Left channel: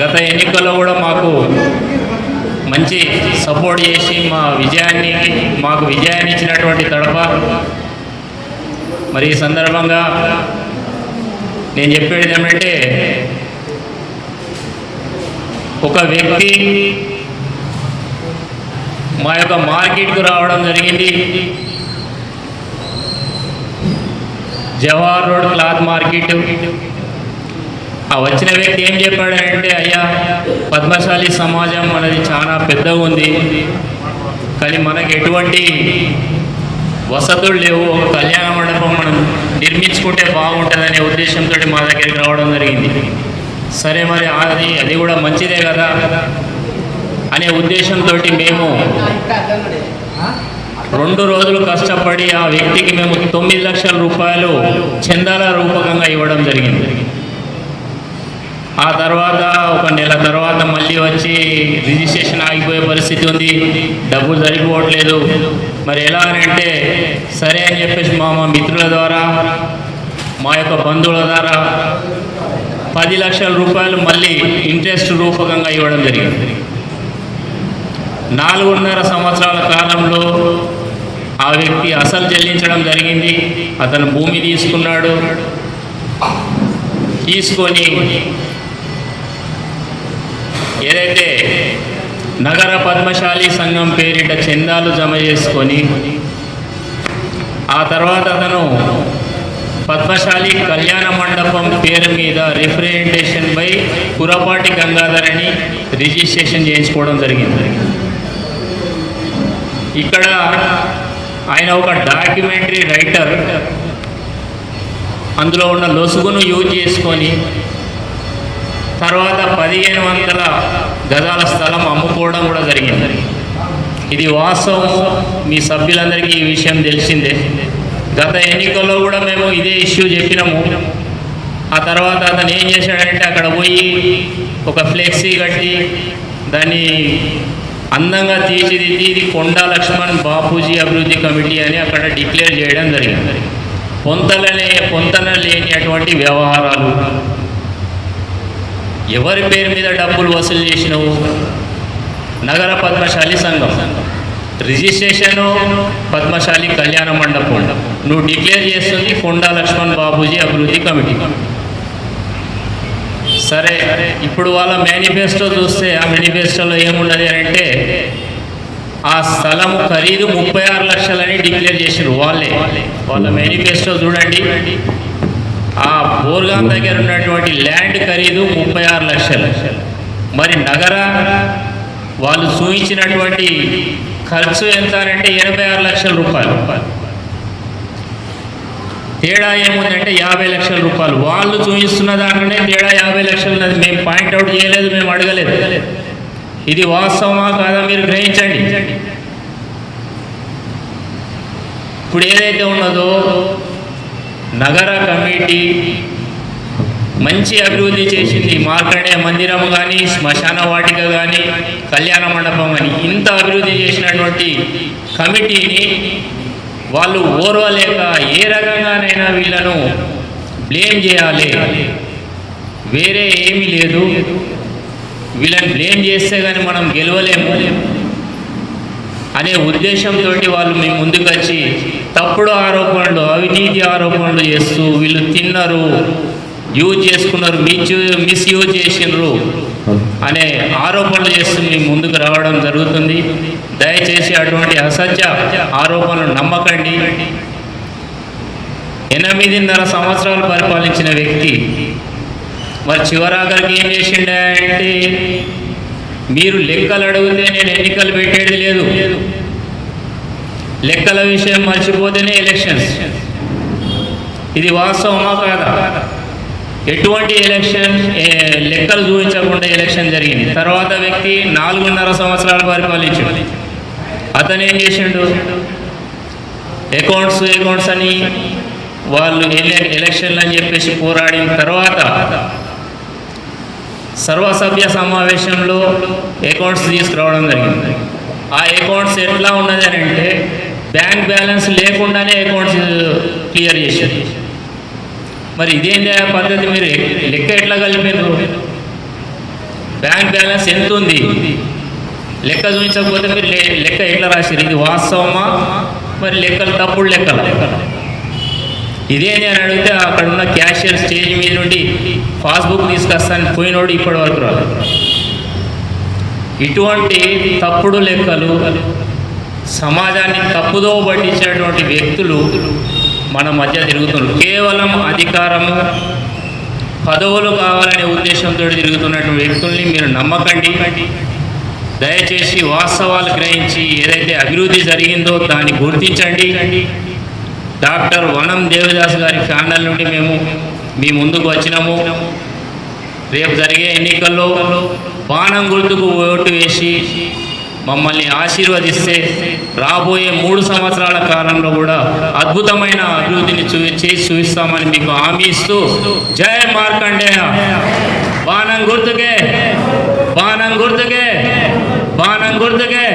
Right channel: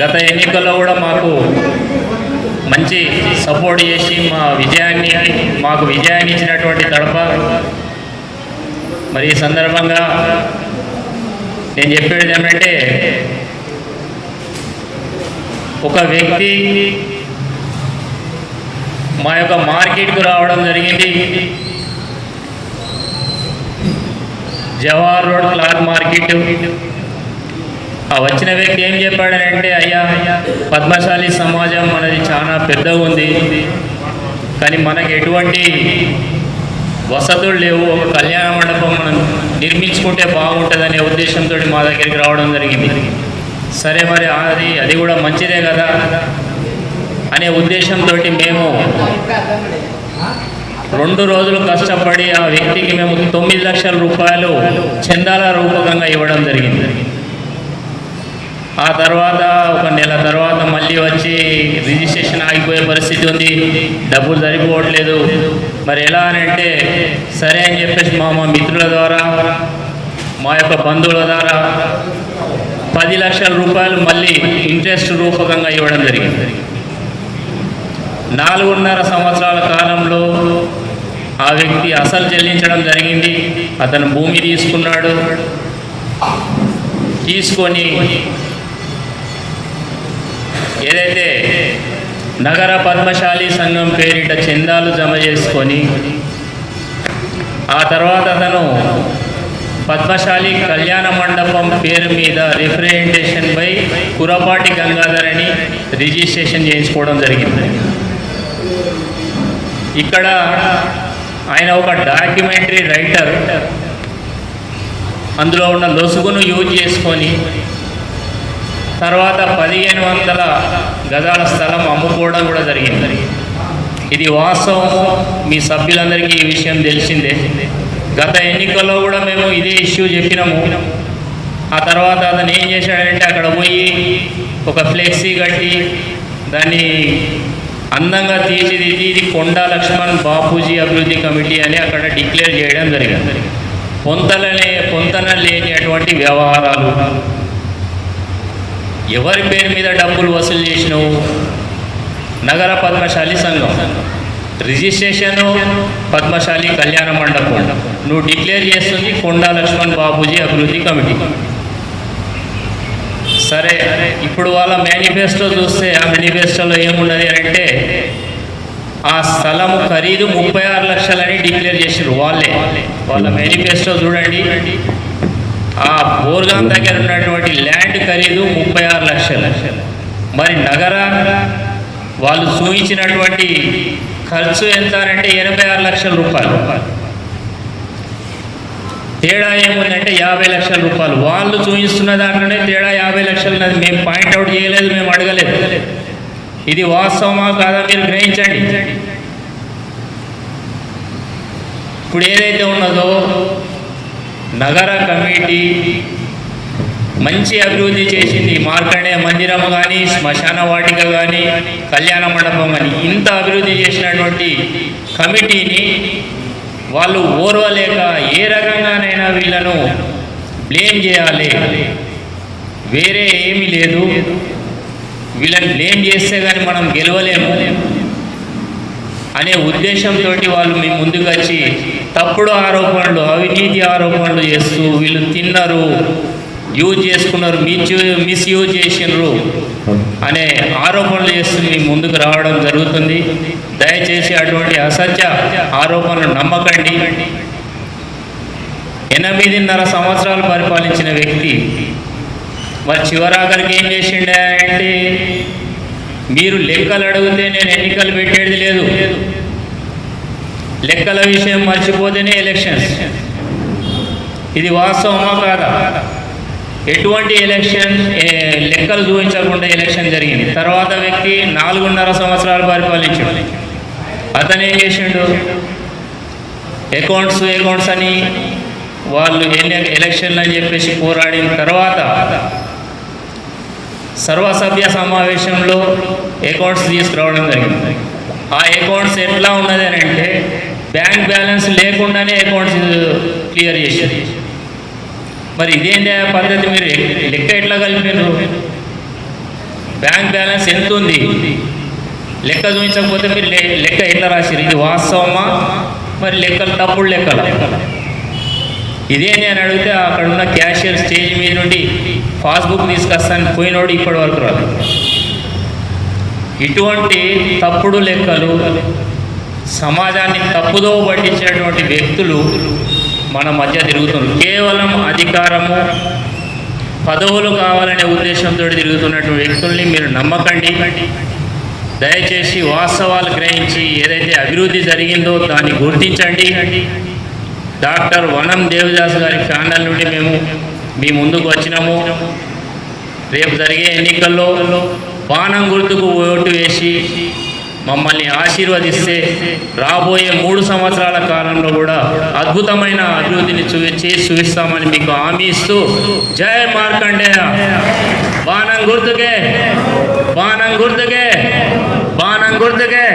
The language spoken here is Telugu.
గత ఎన్నికల్లో కూడా మాకు మంచి సపోర్ట్ చేసి మా విజయాన్ని మాకు విజయాన్ని ఇచ్చినటువంటి తడప. మరి ఈ సందర్భంగా నేను చెప్పేది ఏమంటే ఒక వ్యక్తి మా యొక్క మార్కెట్కు రావడం జరిగింది. Jawahar road cloth market. ఆ వచ్చిన వ్యక్తి ఏం చెప్పాడంటే అయ్యా పద్మశాలి సమాజం అనేది చాలా పెద్దగా ఉంది. కానీ మనకి ఎటువంటి వసతులు లేవు. ఒక కళ్యాణ మండపం మనం నిర్మించుకుంటే బాగుంటుందనే ఉద్దేశంతో మా దగ్గరికి రావడం జరిగింది. సరే మరి అది అది కూడా మంచిదే కదా అనే ఉద్దేశంతో మేము రెండు రోజులు కష్టపడి ఆ వ్యక్తికి మేము తొమ్మిది లక్షల రూపాయలు చందాల రూపకంగా ఇవ్వడం జరిగింది. ఆ తర్వాత ఒక నెల తర్వాత మళ్ళీ వచ్చి రిజిస్ట్రేషన్ ఆగిపోయే పరిస్థితి ఉంది. డబ్బులు సరిపోవట్లేదు. మరి ఎలా అని అంటే సరే అని చెప్పేసి మా మా మిత్రుల ద్వారా మా యొక్క బంధువుల ద్వారా పది లక్షల రూపాయలు మళ్ళీ ఇంట్రెస్ట్ రూపకంగా ఇవ్వడం జరిగింది. నాలుగున్నర సంవత్సరాల కాలంలో ఆ వ్యక్తి అసలు చెల్లించడం జరిగింది. అతను భూమి తీసుకున్నాడు. తీసుకొని ఏదైతే నగర పద్మశాలి సంఘం పేరిట చందాలు జమ చేసుకొని ఆ తర్వాత అతను పద్మశాలి కళ్యాణ మండపం పేరు మీద రిప్రజెంటేషన్ పై కురపాటి గంగాధర్ అని రిజిస్ట్రేషన్ చేయించుకోవడం జరిగింది. ఇక్కడ ఆయన ఒక డాక్యుమెంటరీ రైటర్. అందులో ఉన్న లొసుగును యూజ్ చేసుకొని తర్వాత పదిహేను వందల గజాల స్థలం అమ్ముకోవడం కూడా జరిగింది. ఇది వాస్తవం. మీ సభ్యులందరికీ ఈ విషయం తెలిసిందే. గత ఎన్నికల్లో కూడా మేము ఇదే ఇష్యూ చెప్పినాము. ఆ తర్వాత అతను ఏం చేశాడంటే అక్కడ పోయి ఒక ఫ్లెక్సీ కట్టి దాన్ని అందంగా తీర్చిదిద్ది ఇది కొండా లక్ష్మణ్ బాపూజీ అభివృద్ధి కమిటీ అని అక్కడ డిక్లేర్ చేయడం జరిగింది. పొంతలనే పొంతన లేని అటువంటి వ్యవహారాలు. ఎవరి పేరు మీద డబ్బులు వసూలు చేసినావు? నగర పద్మశాలి సంఘం. రిజిస్ట్రేషను పద్మశాలి కళ్యాణ మండపం. నువ్వు డిక్లేర్ చేస్తుంది కొండా లక్ష్మణ్ బాబూజీ అభివృద్ధి కమిటీ. సరే ఇప్పుడు వాళ్ళ మేనిఫెస్టో చూస్తే ఆ మేనిఫెస్టోలో ఏమున్నది అంటే ఆ స్థలం ఖరీదు ముప్పై ఆరు లక్షలని డిక్లేర్ చేసారు వాళ్ళే. వాళ్ళ మేనిఫెస్టో చూడండి. ఆ బోర్గం దగ్గర ఉన్నటువంటి ల్యాండ్ ఖరీదు ముప్పై ఆరు లక్షలు. మరి నగర వాళ్ళు చూపించినటువంటి ఖర్చు ఎంత అంటే ఎనభై ఆరు లక్షల రూపాయలు. తేడా ఏముందంటే యాభై లక్షల రూపాయలు. వాళ్ళు చూపిస్తున్న దాంట్లోనే తేడా యాభై లక్షలు మేము పాయింట్అవుట్ చేయలేదు మేము అడగలేదు. ఇది వాస్తవమా కాదా మీరు గ్రహించండి. ఇప్పుడు ఏదైతే ఉన్నదో నగర కమిటీ మంచి అభివృద్ధి చేసింది. మార్కండే మందిరం కానీ శ్మశాన వాటిక కానీ కళ్యాణ మండపం కానీ ఇంత అభివృద్ధి చేసినటువంటి కమిటీని వాళ్ళు ఓర్వలేక ఏ రకంగానైనా వీళ్ళను బ్లేమ్ చేయాలి. వేరే ఏమీ లేదు. వీళ్ళని బ్లేమ్ చేస్తే కానీ మనం గెలవలేము. అనే ఉద్దేశంతో వాళ్ళు మీ ముందుకు వచ్చి తప్పుడు ఆరోపణలు అవినీతి ఆరోపణలు చేస్తూ వీళ్ళు తిన్నారు యూజ్ చేసుకున్నారు మిస్ మిస్యూజ్ చేసినారు అనే ఆరోపణలు చేస్తూ మీ ముందుకు రావడం జరుగుతుంది. దయచేసి అటువంటి అసత్య ఆరోపణలు నమ్మకండి. ఎనిమిదిన్నర సంవత్సరాలు పరిపాలించిన వ్యక్తి మరి చివరాఖరికి ఏం చేసిండే అంటే మీరు లెక్కలు అడిగితే నేను ఎన్నికలు పెట్టేది లేదు. లెక్కల విషయం మర్చిపోతేనే ఎలక్షన్స్. ఇది వాస్తవమా కాదా? ఎటువంటి ఎలక్షన్ లెక్కలు చూపించకుండా ఎలక్షన్ జరిగింది. తర్వాత వ్యక్తి నాలుగున్నర సంవత్సరాలు పరిపాలించాడు. అతను ఏం చేసిండు? అకౌంట్స్ అకౌంట్స్ అని వాళ్ళు ఎలక్షన్లు అని చెప్పేసి పోరాడిన తర్వాత సర్వసభ్య సమావేశంలో అకౌంట్స్ తీసుకురావడం జరిగింది. ఆ అకౌంట్స్ ఎట్లా ఉన్నది అని అంటే బ్యాంక్ బ్యాలెన్స్ లేకుండానే అకౌంట్స్ క్లియర్ చేశారు. మరి ఇదేంటి ఆ పద్ధతి మీరు లెక్క ఎట్లా కలిపారు? బ్యాంక్ బ్యాలెన్స్ ఎంత ఉంది? లెక్క చూపించకపోతే మీరు లెక్క ఎట్లా రాశారు ఇది వాస్తవమా? మరి లెక్కలు తప్పుడు లెక్కల? ఇదేంటి అని అడిగితే అక్కడ ఉన్న క్యాషియర్ స్టేజ్ పాస్బుక్ తీసుకొస్తాను పోయినోడు ఇప్పటి వరకు రాదు ఇటువంటి తప్పుడు లెక్కలు సమాజాన్ని తప్పుదో పట్టించినటువంటి వ్యక్తులు మన మధ్య తిరుగుతున్నారు. కేవలం అధికారము పదవులు కావాలనే ఉద్దేశంతో తిరుగుతున్నటువంటి వ్యక్తుల్ని మీరు నమ్మకండి. దయచేసి వాస్తవాలు గ్రహించి ఏదైతే అభివృద్ధి జరిగిందో దాన్ని గుర్తించండి. డాక్టర్ వనం దేవదాస్ గారి ఫ్యామిలీ నుండి మేము మీ ముందుకు వచ్చినాము. రేపు జరిగే ఎన్నికల్లో బాణం గుర్తుకు ఓటు వేసి మమ్మల్ని ఆశీర్వదిస్తే రాబోయే మూడు సంవత్సరాల కాలంలో కూడా అద్భుతమైన అభివృద్ధిని చూ చేసి చూపిస్తామని మీకు హామీ ఇస్తూ జయ మార్కండేయ. బాణం గుర్తుకే బాణం గుర్తుకే బాణం గుర్తుకే.